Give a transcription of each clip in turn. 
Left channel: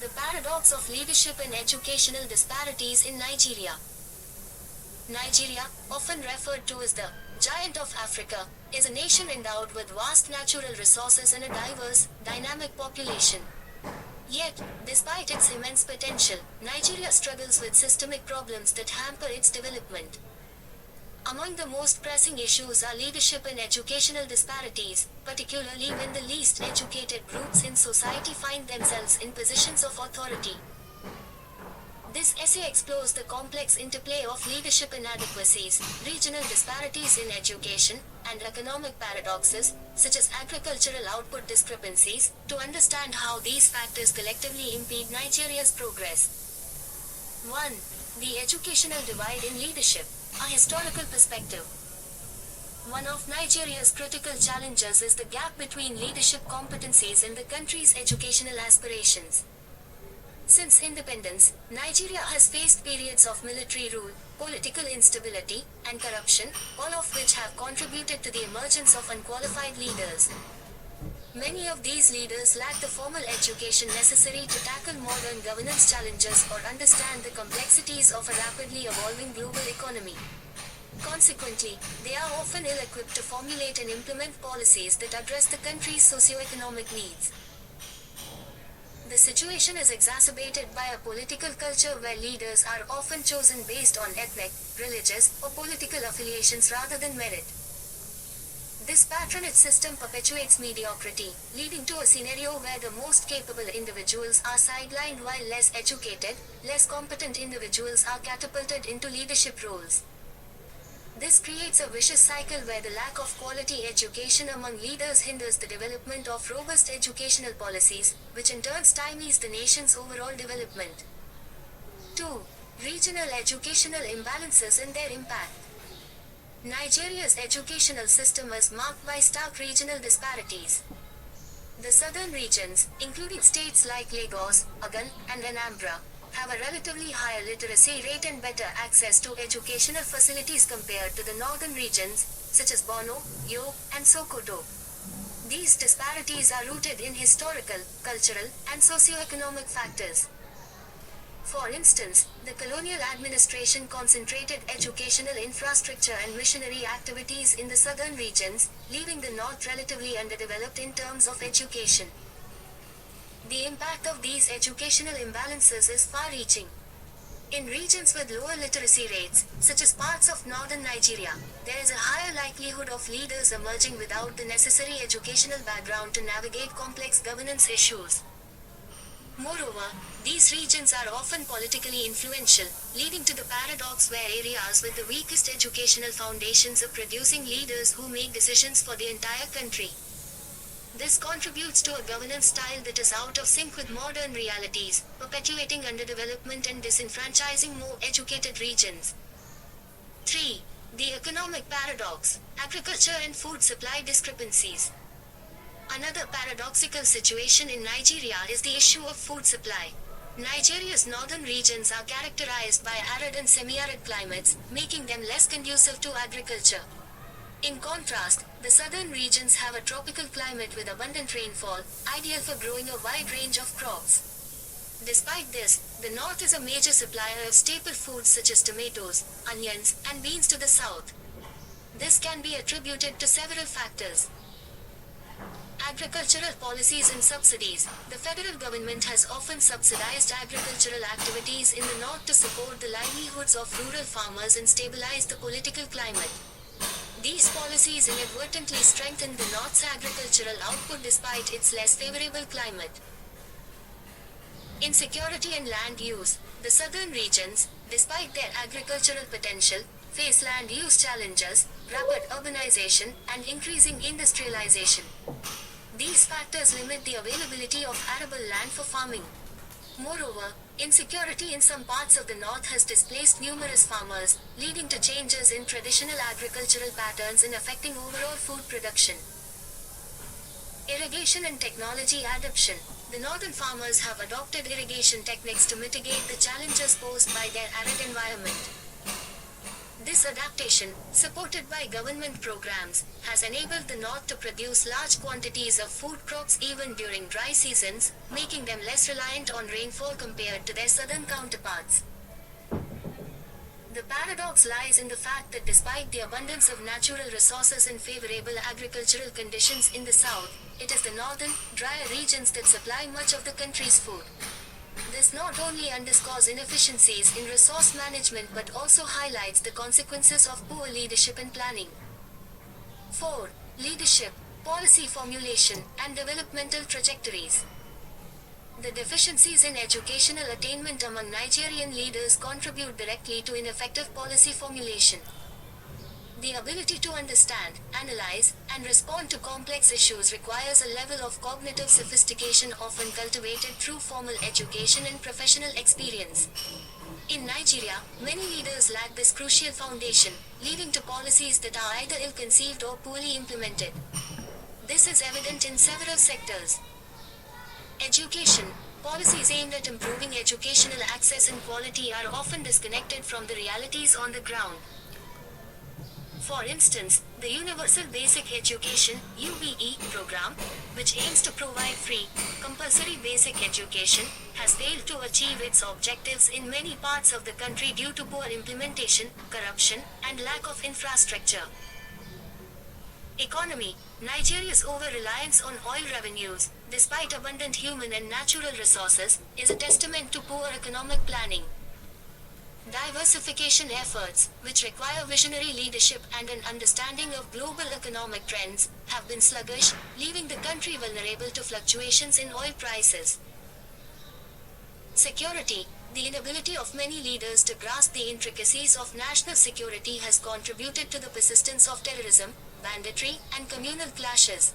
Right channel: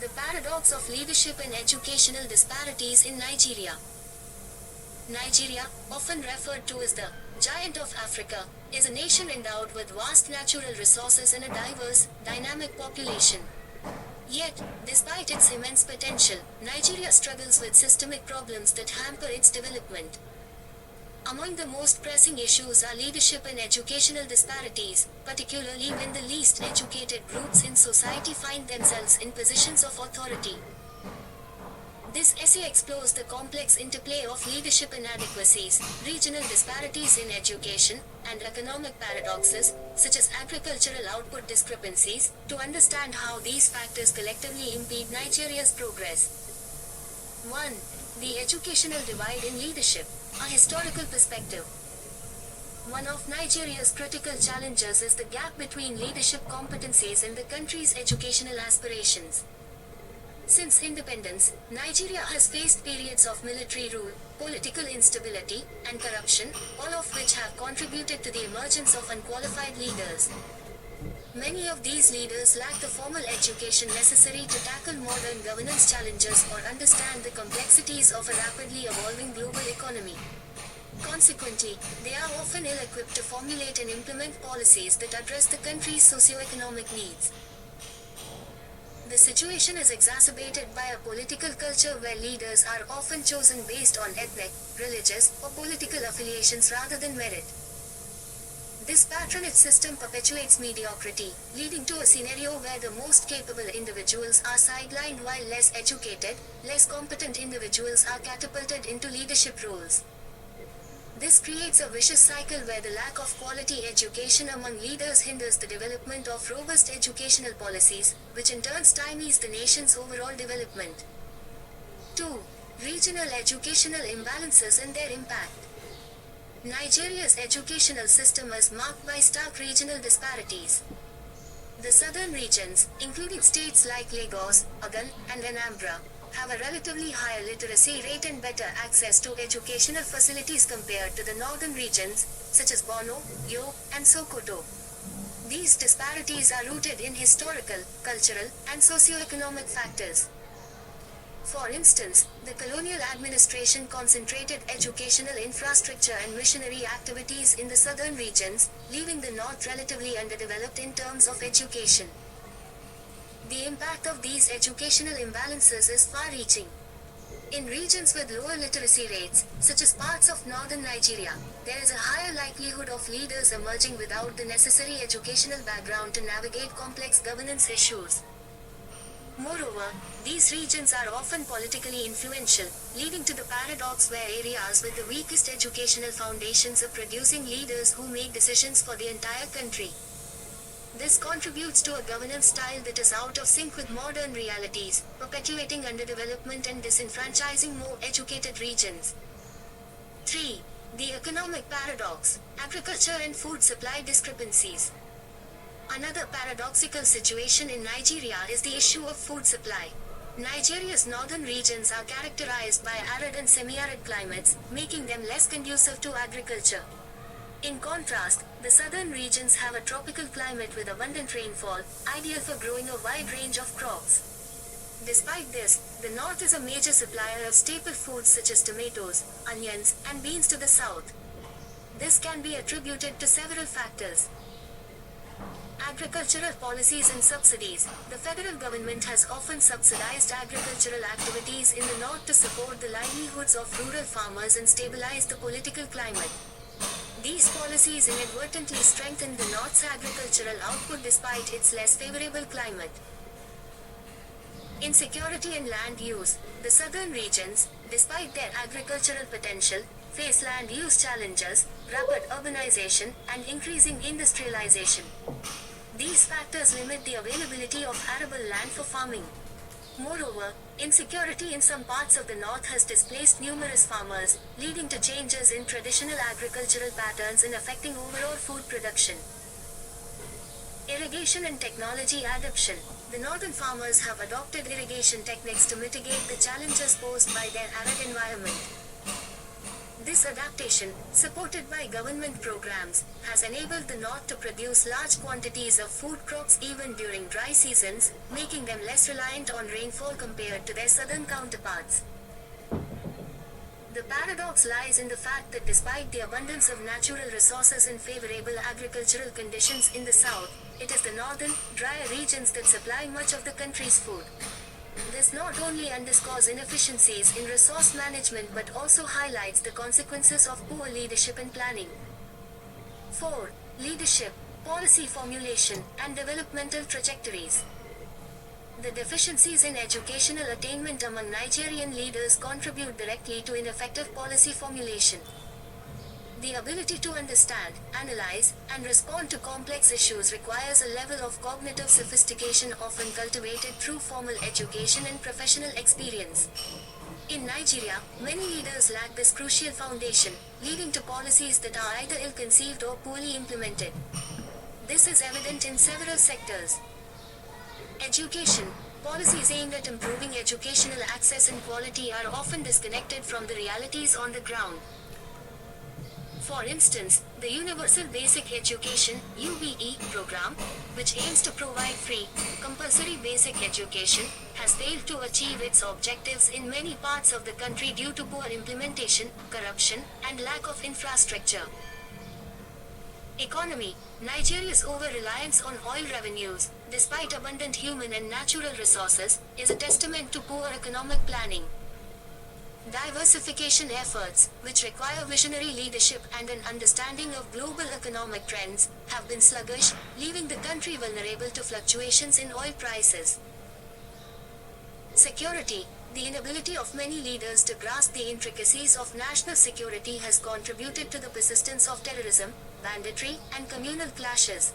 The paradox of leadership and educational disparities in Nigeria. Nigeria, often referred to as the giant of Africa, is a nation endowed with vast natural resources and a diverse, dynamic population. Yet, despite its immense potential, Nigeria struggles with systemic problems that hamper its development. Among the most pressing issues are leadership and educational disparities, particularly when the least educated groups in society find themselves in positions of authority. This essay explores the complex interplay of leadership inadequacies, regional disparities in education, and economic paradoxes, such as agricultural output discrepancies, to understand how these factors collectively impede Nigeria's progress. 1. The educational divide in leadership. A historical perspective. One of Nigeria's critical challenges is the gap between leadership competencies and the country's educational aspirations. Since independence, Nigeria has faced periods of military rule, political instability, and corruption, all of which have contributed to the emergence of unqualified leaders. Many of these leaders lack the formal education necessary to tackle modern governance challenges or understand the complexities of a rapidly evolving global economy. Consequently, they are often ill-equipped to formulate and implement policies that address the country's socio-economic needs. The situation is exacerbated by a political culture where leaders are often chosen based on ethnic, religious, or political affiliations rather than merit. This patronage system perpetuates mediocrity, leading to a scenario where the most capable individuals are sidelined while less educated, less competent individuals are catapulted into leadership roles. This creates a vicious cycle where the lack of quality education among leaders hinders the development of robust educational policies, which in turn stymies the nation's overall development. 2. Regional educational imbalances and their impact. Nigeria's educational system is marked by stark regional disparities. The southern regions, including states like Lagos, Ogun, and Anambra, have a relatively higher literacy rate and better access to educational facilities compared to the northern regions, such as Borno, Yo, and Sokoto. These disparities are rooted in historical, cultural, and socio-economic factors. For instance, the colonial administration concentrated educational infrastructure and missionary activities in the southern regions, leaving the north relatively underdeveloped in terms of education. The impact of these educational imbalances is far-reaching. In regions with lower literacy rates, such as parts of northern Nigeria, there is a higher likelihood of leaders emerging without the necessary educational background to navigate complex governance issues. Moreover, these regions are often politically influential, leading to the paradox where areas with the weakest educational foundations are producing leaders who make decisions for the entire country. This contributes to a governance style that is out of sync with modern realities, perpetuating underdevelopment and disenfranchising more educated regions. 3. The economic paradox, agriculture and food supply discrepancies. Another paradoxical situation in Nigeria is the issue of food supply. Nigeria's northern regions are characterized by arid and semi-arid climates, making them less conducive to agriculture. In contrast, the southern regions have a tropical climate with abundant rainfall, ideal for growing a wide range of crops. Despite this, the north is a major supplier of staple foods such as tomatoes, onions, and beans to the south. This can be attributed to several factors. Agricultural policies and subsidies. The federal government has often subsidized agricultural activities in the north to support the livelihoods of rural farmers and stabilize the political climate. These policies inadvertently strengthen the North's agricultural output despite its less favorable climate. Insecurity and land use. The southern regions, despite their agricultural potential, face land use challenges, rapid urbanization, and increasing industrialization. These factors limit the availability of arable land for farming. Moreover, insecurity in some parts of the north has displaced numerous farmers, leading to changes in traditional agricultural patterns and affecting overall food production. Irrigation and technology adoption. The northern farmers have adopted irrigation techniques to mitigate the challenges posed by their arid environment. This adaptation, supported by government programs, has enabled the North to produce large quantities of food crops even during dry seasons, making them less reliant on rainfall compared to their southern counterparts. The paradox lies in the fact that despite the abundance of natural resources and favorable agricultural conditions in the south, it is the northern, drier regions that supply much of the country's food. This not only underscores inefficiencies in resource management but also highlights the consequences of poor leadership and planning. 4. Leadership, policy formulation, and developmental trajectories. The deficiencies in educational attainment among Nigerian leaders contribute directly to ineffective policy formulation. The ability to understand, analyze, and respond to complex issues requires a level of cognitive sophistication often cultivated through formal education and professional experience. In Nigeria, many leaders lack this crucial foundation, leading to policies that are either ill-conceived or poorly implemented. This is evident in several sectors. Education. Policies aimed at improving educational access and quality are often disconnected from the realities on the ground. For instance, the Universal Basic Education (UBE) program, which aims to provide free, compulsory basic education, has failed to achieve its objectives in many parts of the country due to poor implementation, corruption, and lack of infrastructure. Economy. Nigeria's over-reliance on oil revenues, despite abundant human and natural resources, is a testament to poor economic planning. Diversification efforts, which require visionary leadership and an understanding of global economic trends, have been sluggish, leaving the country vulnerable to fluctuations in oil prices. Security. The inability of many leaders to grasp the intricacies of national security has contributed to the persistence of terrorism, banditry, and communal clashes.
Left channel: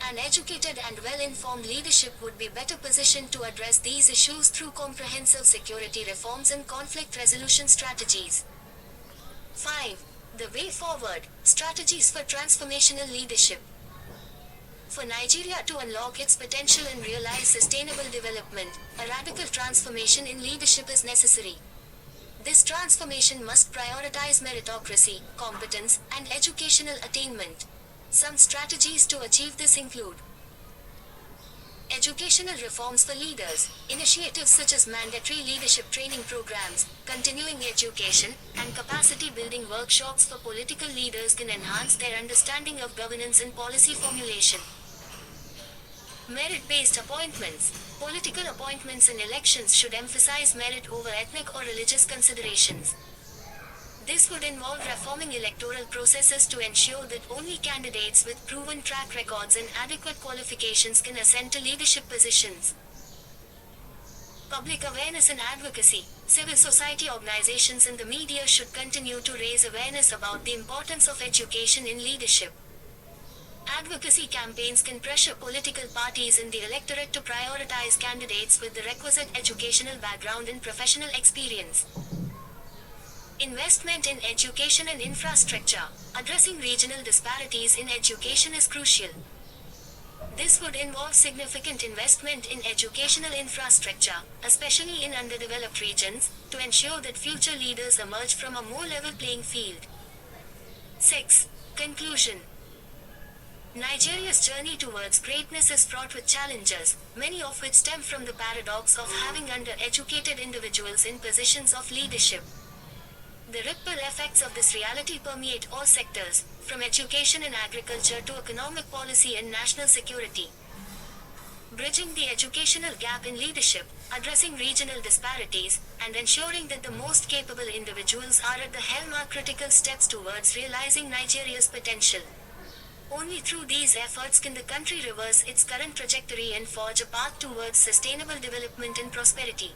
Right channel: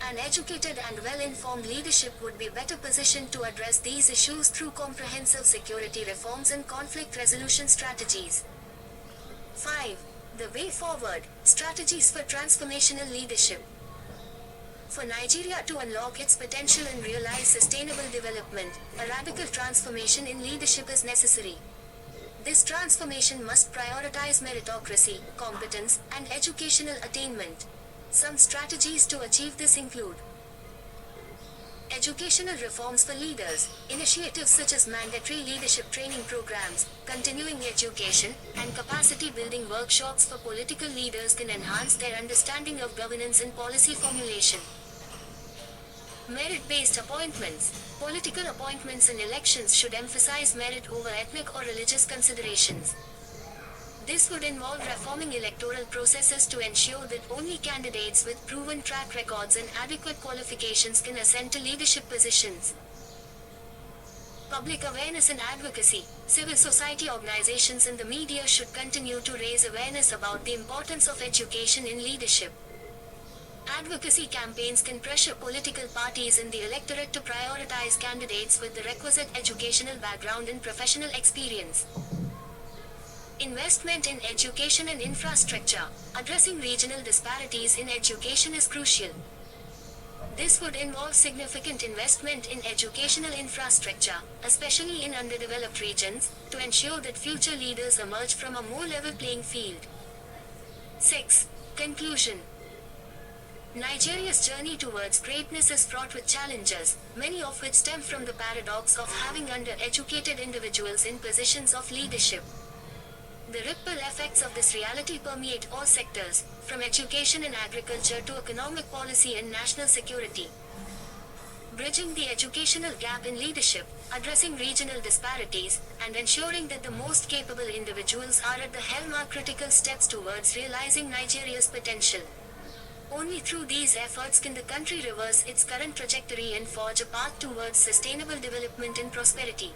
An educated and well-informed leadership would be better positioned to address these issues through comprehensive security reforms and conflict resolution strategies. 5. The way forward, strategies for transformational leadership. For Nigeria to unlock its potential and realize sustainable development, a radical transformation in leadership is necessary. This transformation must prioritize meritocracy, competence, and educational attainment. Some strategies to achieve this include educational reforms for leaders. Initiatives such as mandatory leadership training programs, continuing education, and capacity building workshops for political leaders can enhance their understanding of governance and policy formulation. Merit-based appointments. Political appointments in elections should emphasize merit over ethnic or religious considerations. This would involve reforming electoral processes to ensure that only candidates with proven track records and adequate qualifications can ascend to leadership positions. Public awareness and advocacy. Civil society organizations and the media should continue to raise awareness about the importance of education in leadership. Advocacy campaigns can pressure political parties and the electorate to prioritize candidates with the requisite educational background and professional experience. Investment in education and infrastructure. Addressing regional disparities in education is crucial. This would involve significant investment in educational infrastructure, especially in underdeveloped regions, to ensure that future leaders emerge from a more level playing field. 6. Conclusion. Nigeria's journey towards greatness is fraught with challenges, many of which stem from the paradox of having undereducated individuals in positions of leadership. The ripple effects of this reality permeate all sectors, from education and agriculture to economic policy and national security. Bridging the educational gap in leadership, addressing regional disparities, and ensuring that the most capable individuals are at the helm are critical steps towards realizing Nigeria's potential. Only through these efforts can the country reverse its current trajectory and forge a path towards sustainable development and prosperity.